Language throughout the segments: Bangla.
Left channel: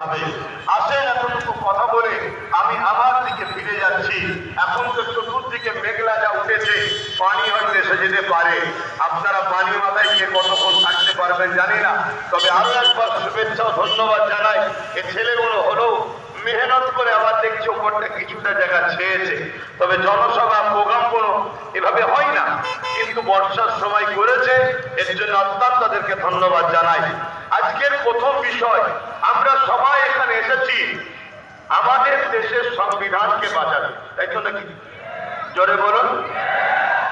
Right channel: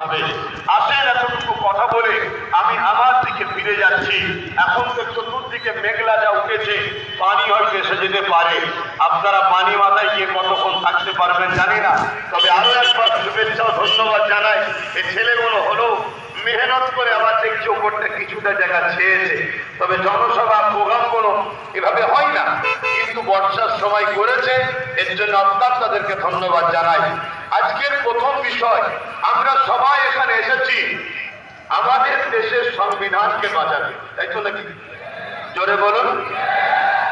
আসেন এতটুকু কথা বলে আমি আমার দিকে ফিরে যাচ্ছি। এখন তো একটু দূর থেকে মেঘলা যা উঠেছে, পানি হয়তো এসে যেতে পারে। আপনারা পানি মাথায় গিয়ে কতক্ষণ থাকতে পারবেন জানি না, তবে আরো একবার শুভেচ্ছা ও ধন্যবাদ জানাই। এই ছেলেগুলো হলো মেহনত করে আবার দেখছি ওপরটা কিছুটা জায়গা ছেয়েছে, তবে জনসভা প্রোগ্রাম কোনো এভাবে হয় না, কিন্তু বর্ষার সময় করেছে, এর জন্য অত্যন্ত তাদেরকে ধন্যবাদ জানাই। আজকের প্রথম বিষয়, আমরা সবাই এখানে এসেছি আমাদের দেশের সংবিধানকে বাঁচাতে, তাই তো নাকি? জোরে বলুন।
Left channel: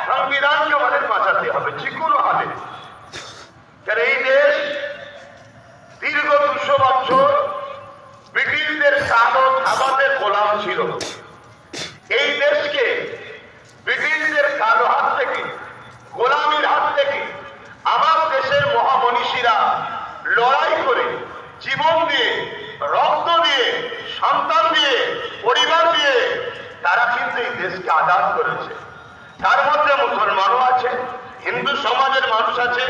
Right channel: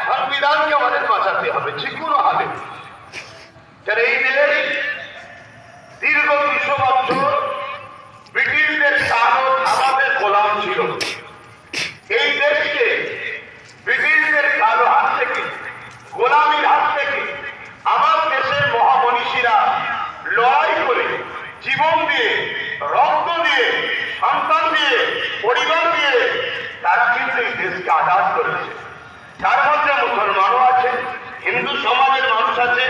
সংবিধানকে আমাদের বাঁচাতে হবে যে কোনো হালে। এই দেশ দীর্ঘ 200 বছর ব্রিটিশদের কালো থাবাতে গোলাম ছিল। এই দেশকে ব্রিটিশদের কালো হাত থেকে, গোলামীর হাত থেকে আমার দেশের মহামনীষীরা লড়াই করে, জীবন দিয়ে, রক্ত দিয়ে, সন্তান দিয়ে, পরিবার দিয়ে তারা কিন্তু এই দেশকে আজাদ করেছে। তার মধ্যে মুসলমানও আছে, হিন্দু সমাজের মানুষ আছে,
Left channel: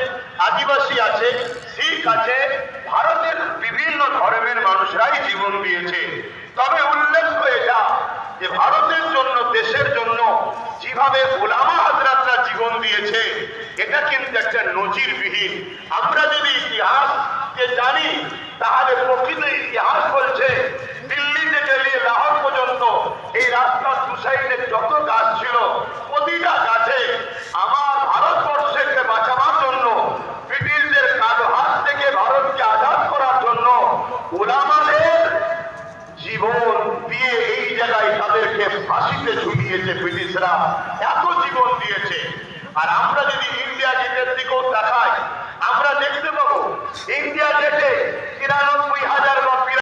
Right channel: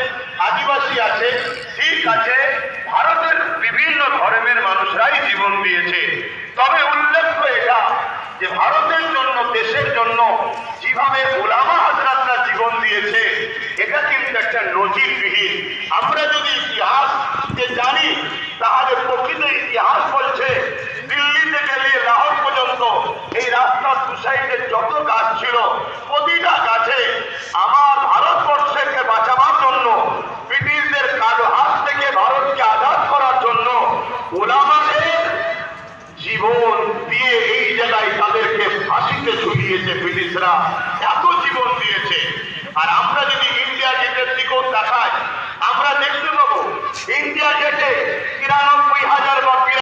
আদিবাসী আছে, শিখ আছে, ভারতের বিভিন্ন ধর্মের মানুষরাই জীবন দিয়েছে। তবে উল্লেখ্য এটা যে ভারতের জন্য, দেশের জন্য যেভাবে উলামা হযরতরা জীবন দিয়েছে, এটা কিন্তু একটা নজিরবিহীন। আমরা যদি ইতিহাসকে জানি, তাহলে প্রকৃত ইতিহাস বলছে দিল্লি থেকে নিয়ে লাহোর পর্যন্ত এই রাস্তার দু সাইডে যত গাছ ছিল, প্রতিটা গাছে আমার ভারতবর্ষকে বাঁচাবার জন্য, ব্রিটিশদের কালো হাত থেকে ভারতকে আজাদ করার জন্য উলামাদের জীবন দিয়ে এই জায়গায় তাদেরকে ফাঁসিতে ঝুলিয়েছে ব্রিটিশরা, এত জীবন দিয়েছে। আর আমরা যদি ইন্ডিয়া গেটের দিকেও তাকাই, আমরা দেখতে পাবো ইন্ডিয়া গেটে 93,000 বা